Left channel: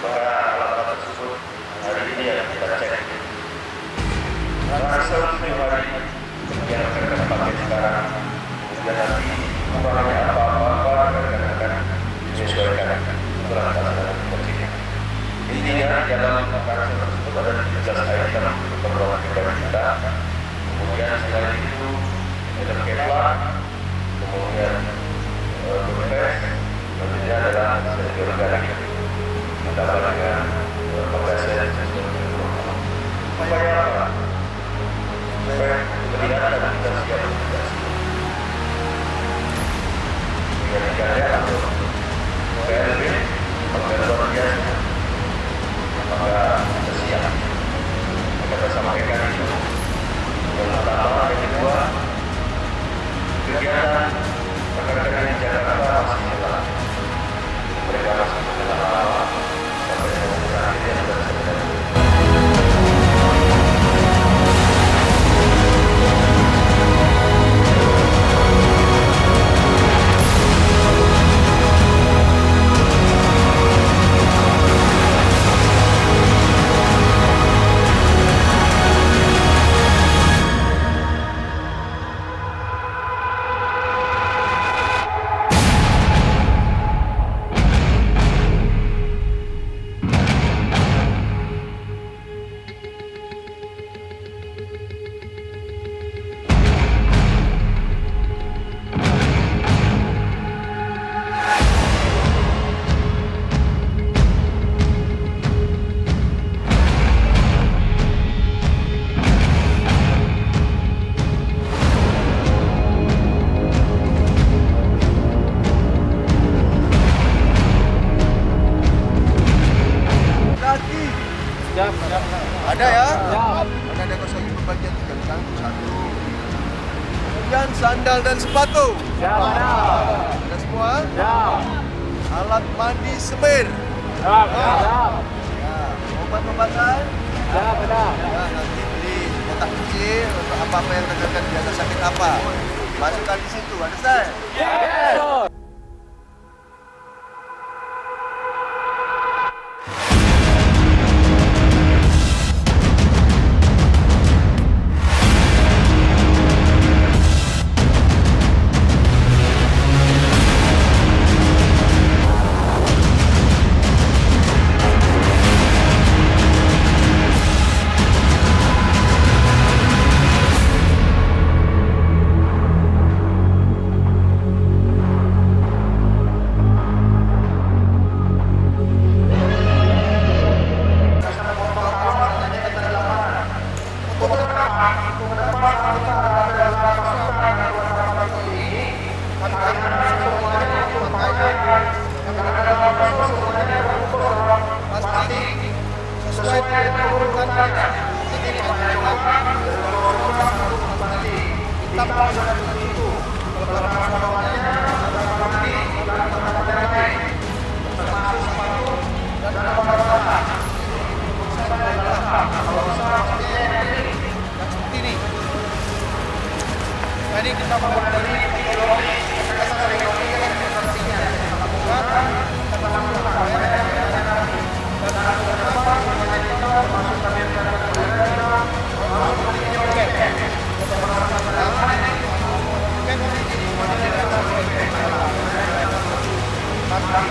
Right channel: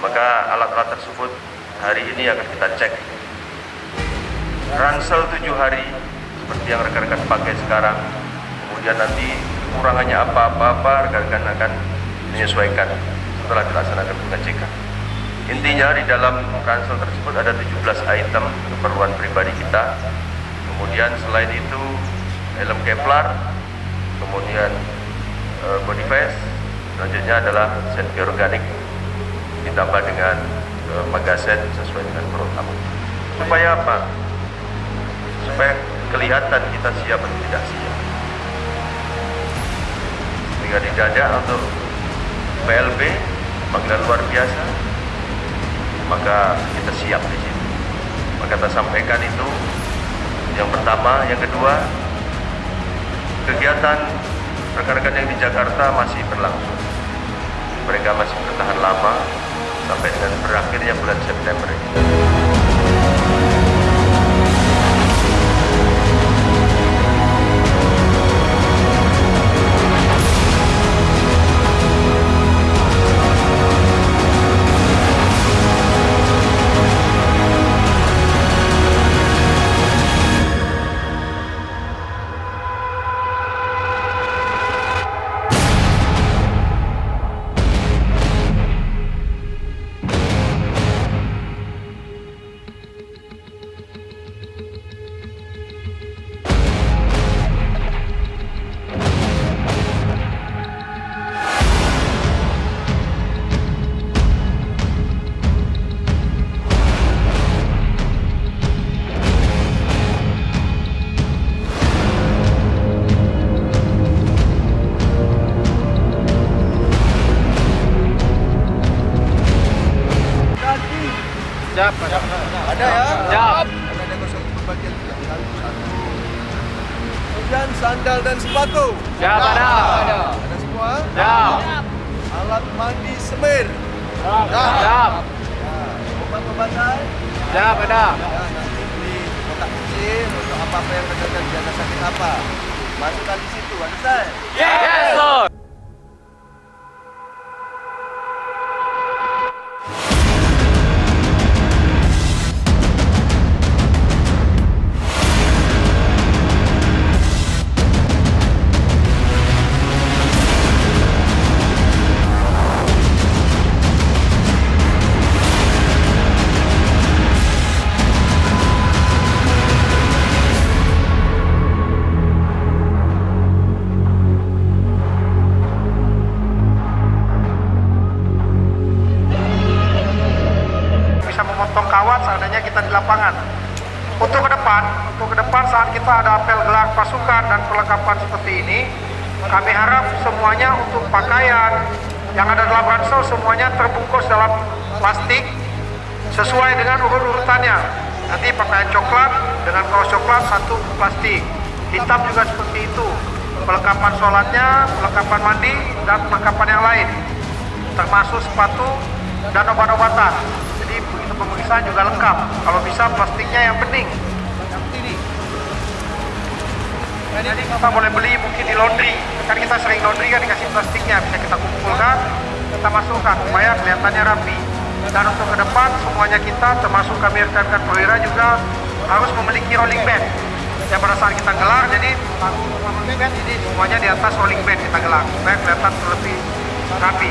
Maka alat-alat tersebut hari ini akan kita cek. Ransel 7 hari seperti yang rekan-rekan pakai sekarang. Kemudian nanti kurangannya apa-apa rekan-rekan akan menyesuaikan setelah kita laksanakan pengecekan. Intinya di dalam ransel tersebut ada 17 item keperluan pribadi kita. Kemudian selain itu helm Kevlar, kemudian body vest, selanjutnya adalah safety organik ditambah dengan magazen sesuai dengan program. Supaya apa? Supaya kelihatan kita siap atau tidak siap. Jika di dada untuk PLB panggilan luar biasa, maka kita siap di situ. Maka kita sampaikan itu yang pertama, yang kedua, kegiatan rekan-rekan yang di Jakarta masih berlangsung. Mereka masih bertahan lama sampai dengan berakhirnya bulan September ini. Siap, Ada ya? siap. Karena ada kosong pembagian yang ganggu satu. Kemudian sandal dan sepatu. Siap, ada. Ada semua? Siap. Alat mandi semir. Siap. Ya. Obat-obatan. Siap, ada. Ya, nanti beli kotak kecil untuk apa-apa yang rekan-rekan biasa sakit apa. Masukkan di situ, understand? Yes, sir. Untuk ke depan saat kita ada apel gelar pasukan dan perlengkapan seperti ini, kami harap semuanya untuk pakaian yang ada dalam ransel semuanya terbungkus dalam plastik sesuai dengan urut-urutannya. Nanti pakaian coklat dengan kaos coklat satu plastik, hitam juga seperti itu. Perlengkapan sholatnya, perlengkapan mandi dan perlengkapan yang lain, termasuk sepatu dan obat-obatan. Jadi begitu pemeriksaan juga lengkap. Kalau bisa plastiknya yang bening seperti ini. Nah, ini kita boleh beli mungkin di laundry. Kan kita sering laundry kan dikasih plastiknya, bisa kita kumpulkan, kita masukkan supaya kelihatannya rapi. Dan untuk ke depan semuanya kita, termasuk kami rekan-rekan perwira juga harus memiliki rolling bed. Yang pada saat kita gelar, jadi semuanya di atas rolling bed kita gelar supaya kelihatan lebih rapi.